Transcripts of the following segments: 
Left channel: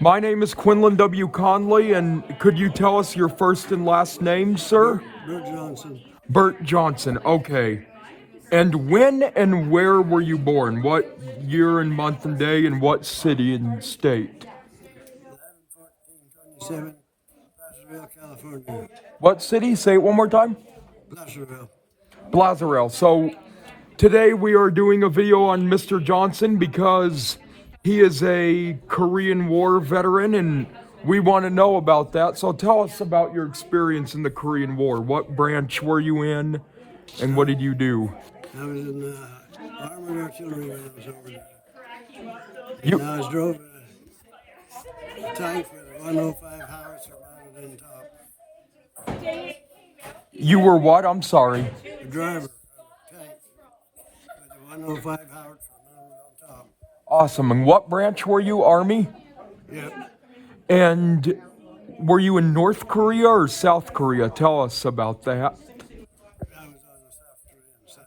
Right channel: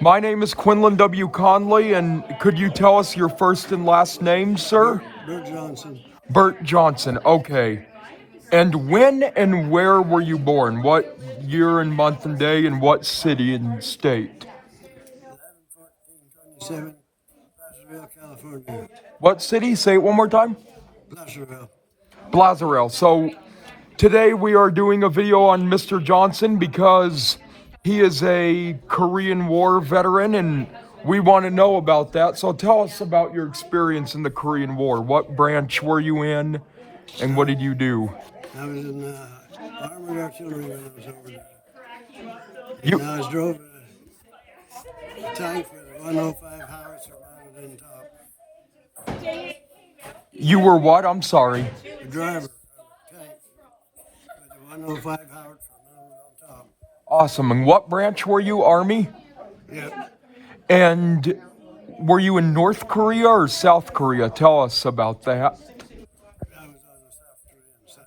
My name is Quinlan W. Conley, and could you tell us your first and last name, sir? Burt Johnson. Burt Johnson, okay. And when and where were you born? What year and month and day, and what city and state? 11/14/27, Brazzaville, California. What city? Say it one more time. Brazzaville. Brazzaville. So today we are doing a video on Mr. Johnson because he is a Korean War veteran and we want to know about that. So tell us about your experience in the Korean War. What branch were you in and what did you do? I was in armored artillery when I was over there. You, And I was drove a tank with a 105 howitzer mounted in top. you were what? I'm sorry. The driver of the tank with a 105 howitzer mounted on top. Awesome. And what branch were you? Army? Yep. And were you in North Korea or South Korea? Tell us about that. I was on the South Korean side.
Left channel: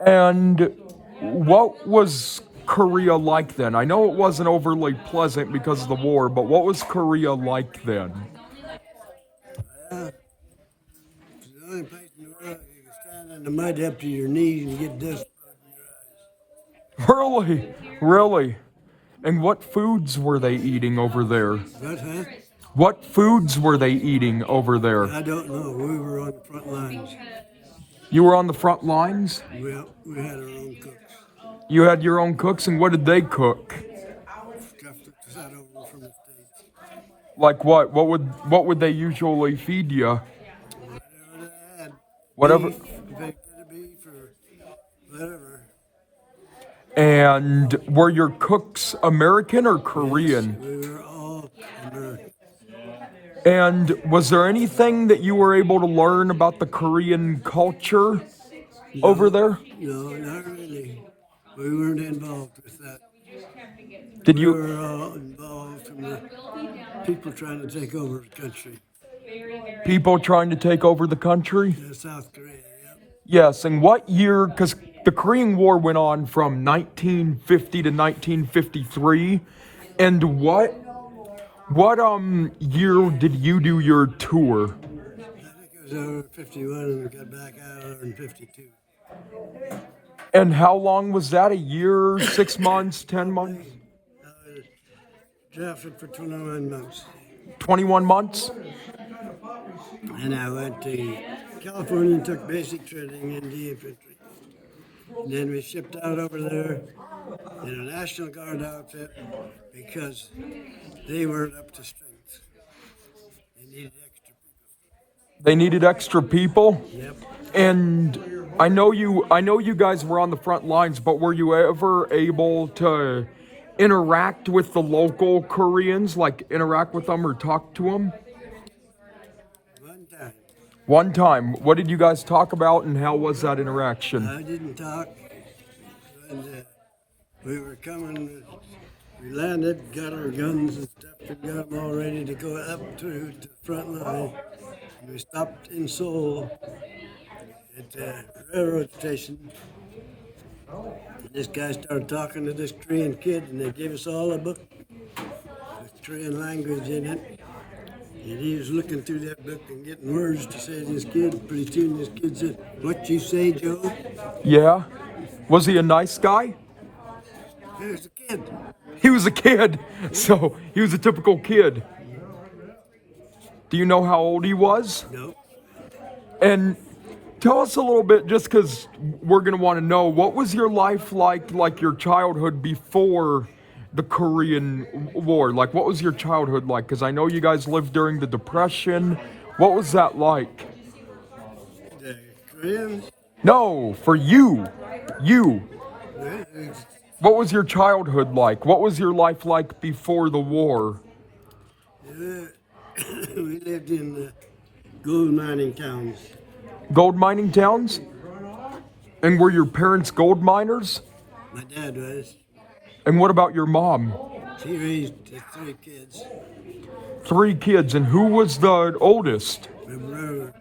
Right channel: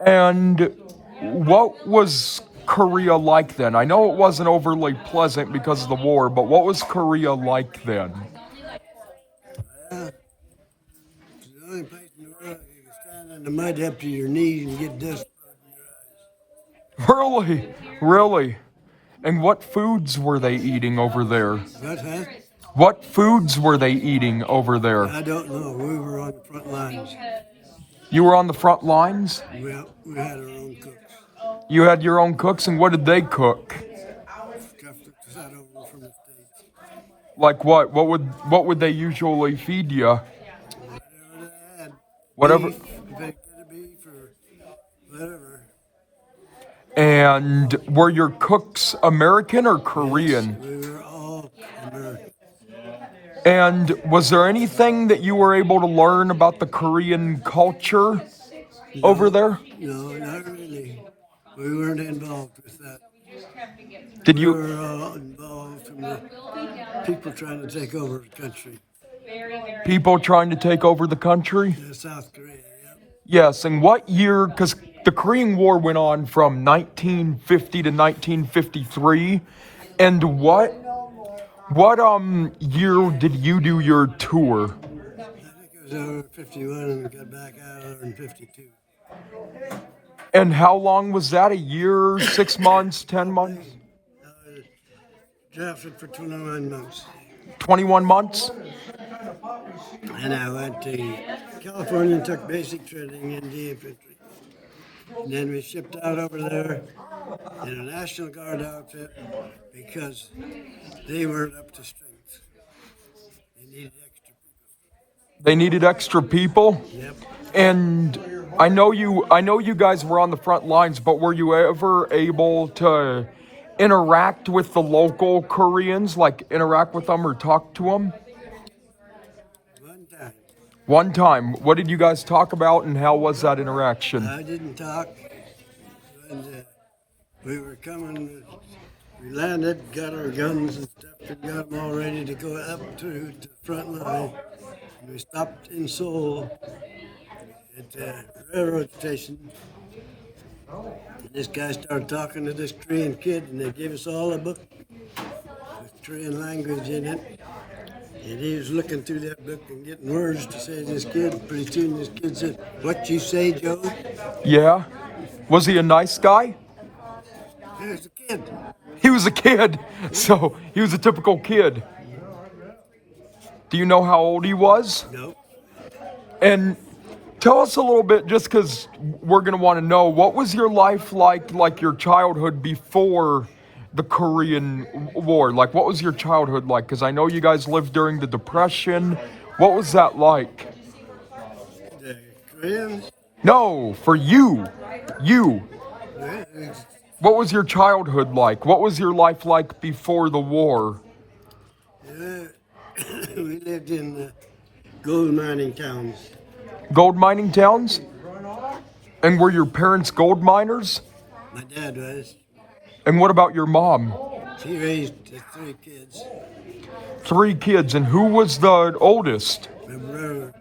And what was Korea like then? I know it wasn't overly pleasant because of the war, but what was Korea like then? It's the only place in the world you can stand in the mud up to your knees and get dust from your eyes. Really? Really? And what foods were they eating over there? What, huh? What foods were they eating over there? I don't know. We were on the front lines. You were on the front lines? Well, we had our own cooks. You had your own cooks, and what did they cook? Comforts out over from the States. Like what? What would they usually feed you? Whatever they had. Whatever. Beef, if they could have beef or whatever. And were your cooks American or Korean? We were all American. And was there anything that you were able to learn about the Korean culture over there? No, not really. We weren't involved with that. Did We you? were all involved from the people trying to take over the country. People trying to take over the country? South Korea, yep. Yes, and what year, because the Korean War went on from 1950 to 1953, and what year did you do your tour? I think it was over 51 and we got back out in 52. And how long was that? A year, 6 months, 10 months? Drafted for 21 months. 21 months? And I went to California and took basic training in the infantry. And then we shipped out over there in a National Guard outfit because they weren't up to strength. They needed extra people. They needed extra people? Yep. And I know you guys were on the front lines, but were you ever able to interact with the local Koreans, like interact with them or talk to them? One time. One time. What did you guys talk about and how was that interaction? I didn't talk. And we were coming, we landed, got our guns and stuff, and got them all ready to go up through the front line. And we stopped in Seoul at the railroad station. And this guy started talking to this Korean kid, and they gave us all a book with Korean language in it. And he was looking through that book and getting words to say to this kid. Pretty soon this kid said, "What you say, Joe?" Yeah? Was he a nice guy? There's a kid. He was a kid, so he was a typical kid. Do you know how old he was? No. And tell us a little bit, just because we're going to want to know, what was your life like your childhood before the Korean War? Like, what was your childhood like? Because I know you guys lived during the Depression. What was that like? The Koreans? No, for you. You. We What was your childhood like? What was your life like before the war? lived in gold mining towns. Gold mining towns? And were your parents gold miners? My dad was. And what about your mom? She raised 3 kids. 3 kids, and who was the oldest? My brother,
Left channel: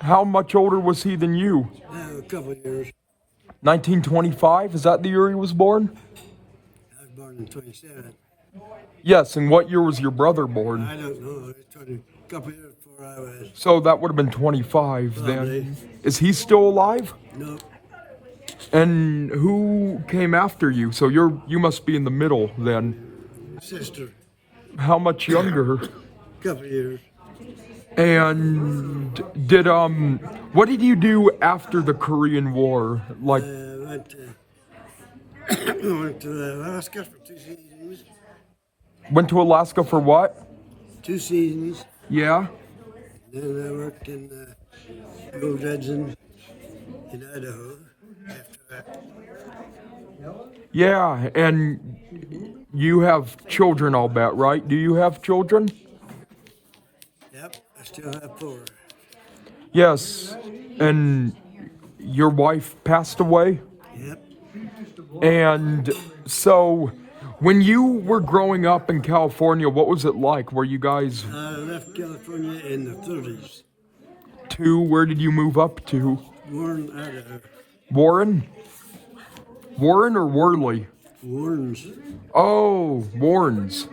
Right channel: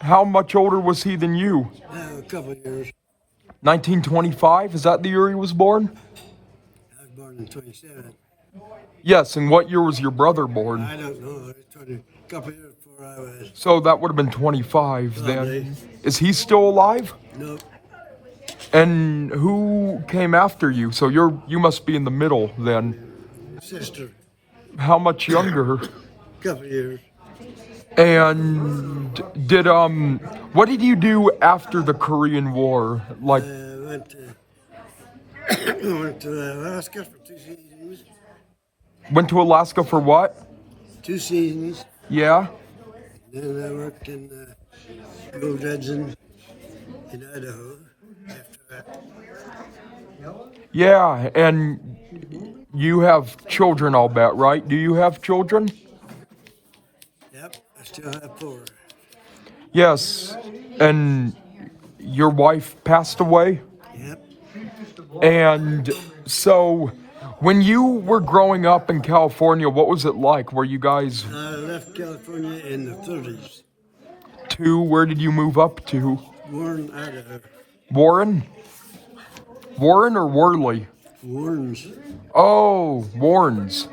How much older was he than you? a couple of years. 1925? Is that the year he was born? I was born in 27. Yes, and what year was your brother born? I don't know. It's a couple of years before I was. So that would have been 25 then. Probably. Is he still alive? No. And who came after you? So you must be in the middle then. Sister. How much younger? Couple of years. And did what did you do after the Korean War? Like Went to Alaska for 2 seasons. went to Alaska for what? 2 seasons. Yeah. Then I worked in gold dredging in Idaho. After that. Yeah, and you have children, I'll bet, right? Do you have children? Yep, I still have 4. Yes. And your wife passed away? Yep. And so when you were growing up in California, what was it like? Were you guys I left California in the 30s. where did you move up to? Warren, Idaho. Warren? Warren or Worley? Warren's. Oh, Warrens.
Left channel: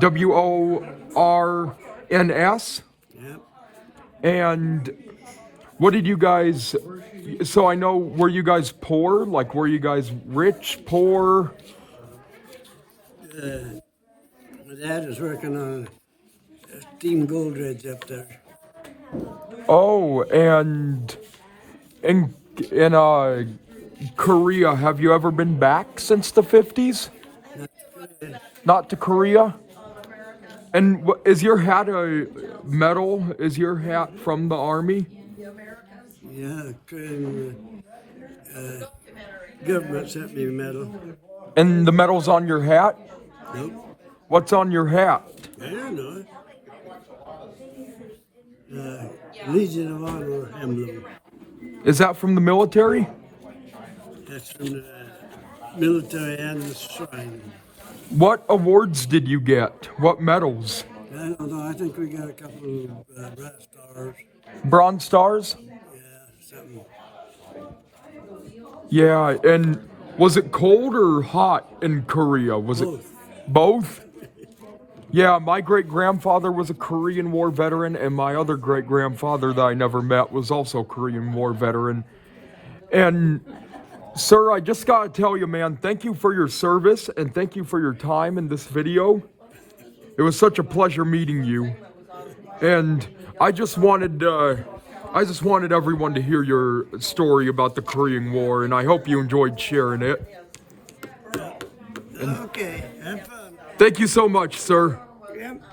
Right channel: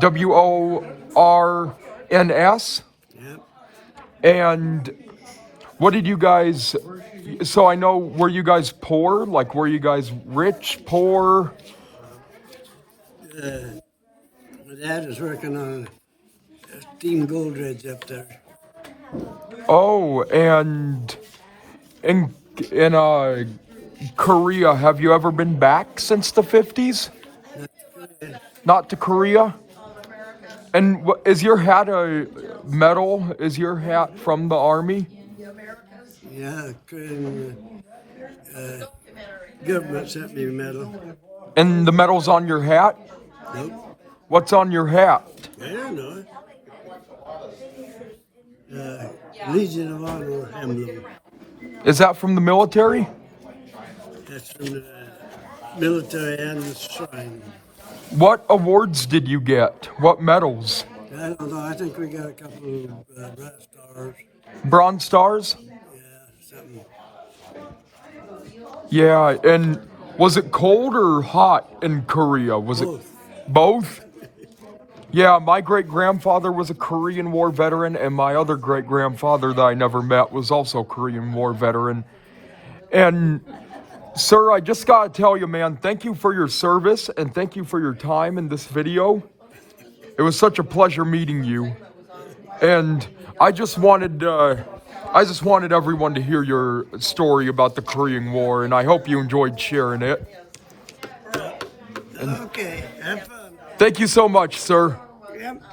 WORNS? Yep. And what did you guys, so I know, were you guys poor? Like, were you guys rich, poor? My dad was working on a steam gold dredge up there. Oh, and in Korea, have you ever been back since the 50s? Not to Korea? And is your hat a medal? Is your hat from the Army? Yeah, government sent me a medal. And the medal's on your hat? Nope. What's on your hat? I don't know. Legion of Honor emblem. Is that from the military? That's from the military and the shrine. What awards did you get? What medals? I don't know. I think we got a couple of brass stars. Bronze stars? Yeah, something. Yeah, and was it cold or hot in Korea? Was it both? Yeah, my great-grandfather was a Korean War veteran, and my other great-grandfather that I never met was also a Korean War veteran. And, sir, I just gotta tell you, man, thank you for your service, and thank you for your time in this video. It was such a pleasure meeting you. And I just wanted everyone to hear your story about the Korean War, and I hope you enjoyed sharing it. Okay, have fun. Thank you so much, sir. Yep.